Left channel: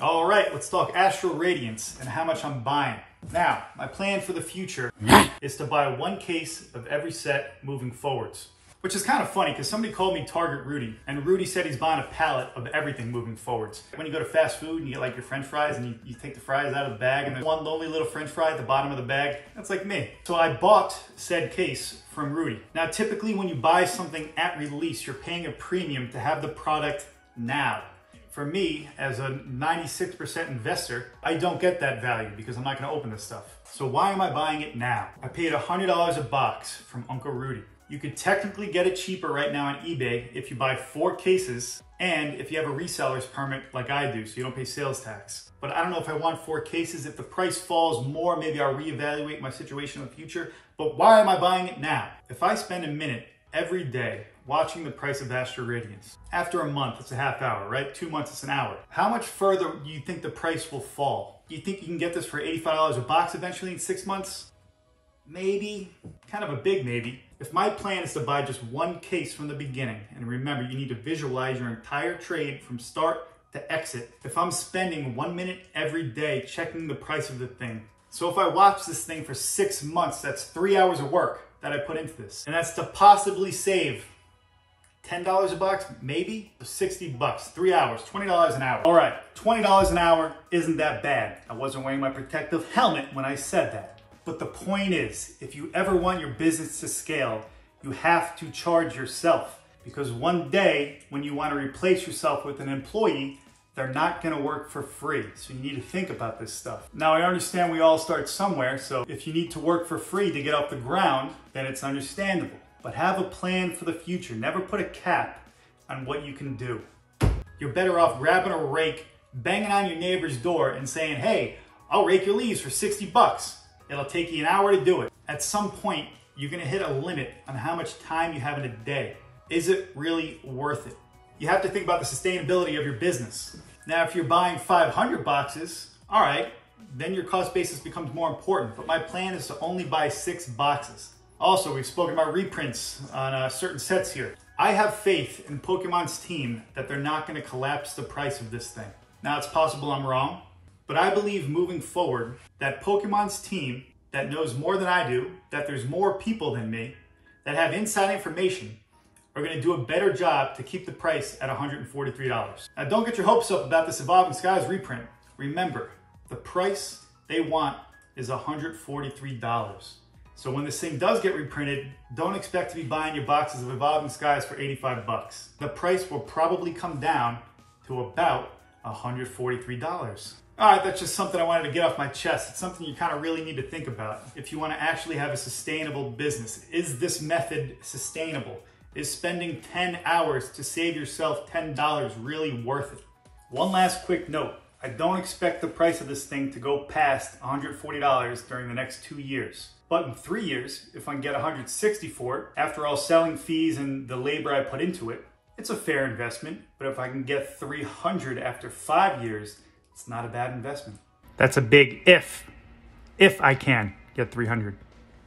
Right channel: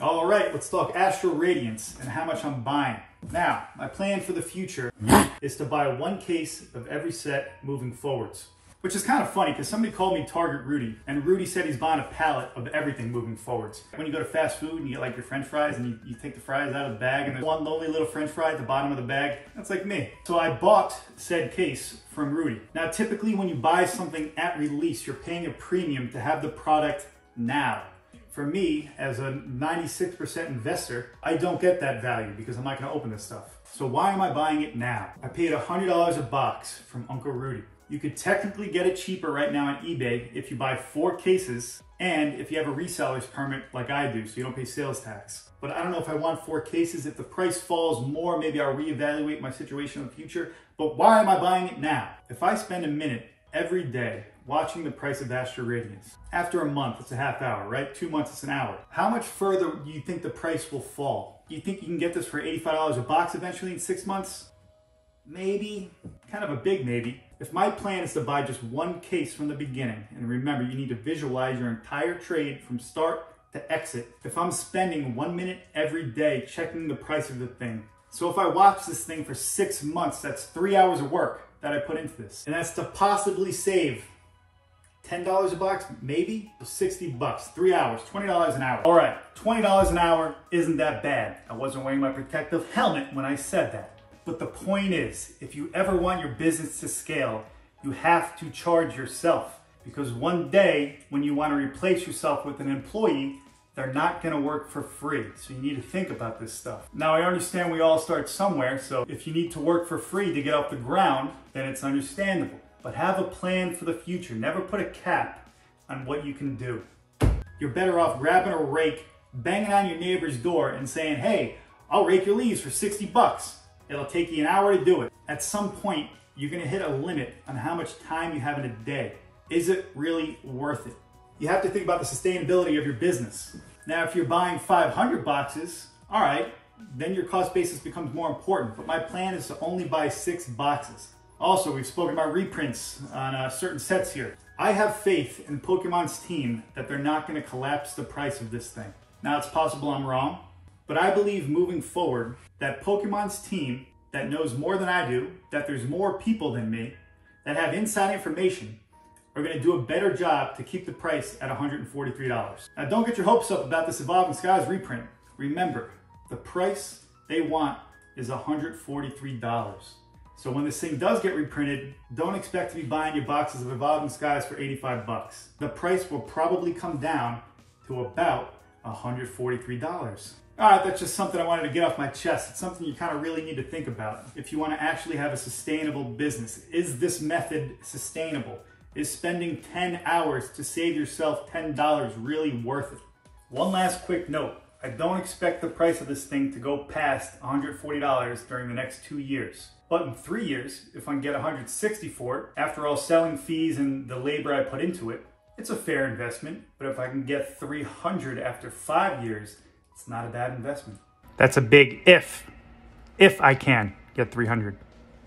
All right, let's talk Astral Radiance and how much I'm buying. Now, my plan for the future is to buy one case of every set moving forwards. Which is kind of funny because somebody called me Target Rudy, and Rudy said he's buying a pallet of everything moving forwards. When you go to fast food and you get like your French fries and you take the fries out of the bag and there's one lonely little French fry at the bottom of the bag, that's like me. So I bought said case from Rudy. Now typically when you buy something at release, you're paying a premium to have the product now. For me, as a 96% investor, I don't get that value because I'm not gonna open this stuff. So why am I buying it now? I paid $100 a box from Uncle Rudy. You could technically get it cheaper right now on eBay if you buy 4 cases and if you have a reseller's permit like I do, so you don't pay sales tax. But I don't know if I want 4 cases. If the price falls more, maybe I'll reevaluate my situation in the future. But why am I buying it now? If I spend a minute every day watching the price of Astral Radiance, after a month, it's a half hour, right? 2 months, it's an hour. How much further do you think the price will fall? Do you think you can get this for $85 a box eventually in 6 months? Maybe, kind of a big maybe. If my plan is to buy just one case from the beginning, and remember, you need to visualize your entire trade from start to exit. If I'm spending 1 minute every day checking the price of the thing, so if I watch this thing for 6 months, that's 3 hours of work that I put into this. And that's to possibly save $10 a box, maybe 60 bucks, 3 hours, $20 an hour. All right, $20 an hour isn't that bad. I wasn't wearing my protective helmet when I said that. But the point is, if you ever want your business to scale, you have to charge yourself. Because one day, when you want to replace yourself with an employee, they're not going to work for free. So you need to think about this stuff. Now, I understand we all start somewhere. So if you need to work for free to get off the ground, then it's understandable. But have a plan for the future. Never put a cap on what you can do. You're better off grabbing a rake, banging on your neighbor's door and saying, hey, I'll rake your leaves for 60 bucks. It'll take you an hour to do it. At some point, you're gonna hit a limit on how much time you have in a day. Is it really worth it? You have to think about the sustainability of your business. Now, if you're buying 500 boxes, all right, then your cost basis becomes more important. But my plan is to only buy 6 boxes. Also, we've spoken about reprints on certain sets here. I have faith in Pokemon's team that they're not gonna collapse the price of this thing. Now, it's possible I'm wrong, but I believe moving forward that Pokemon's team that knows more than I do, that there's more people than me, that have inside information, are gonna do a better job to keep the price at $143. Now don't get your hopes up about this Evolving Skies reprint. Remember, the price they want is $143. So when this thing does get reprinted, don't expect to be buying your boxes of Evolving Skies for 85 bucks. The price will probably come down to about $143. All right, that's just something I wanted to get off my chest. It's something you kind of really need to think about if you want to actually have a sustainable business. Is this method sustainable? Is spending 10 hours to save yourself $10 really worth it? One last quick note. I don't expect the price of this thing to go past $140 during the next 2 years. But in 3 years, if I can get $160 for it, after all selling fees and the labor I put into it, it's a fair investment. But if I can get $300 after 5 years, it's not a bad investment. That's a big if. If I can get $300.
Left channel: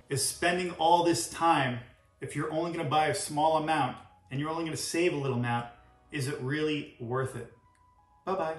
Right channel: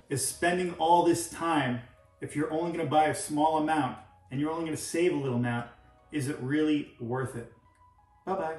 Is spending all this time, if you're only gonna buy a small amount and you're only gonna save a little amount, is it really worth it? Bye-bye.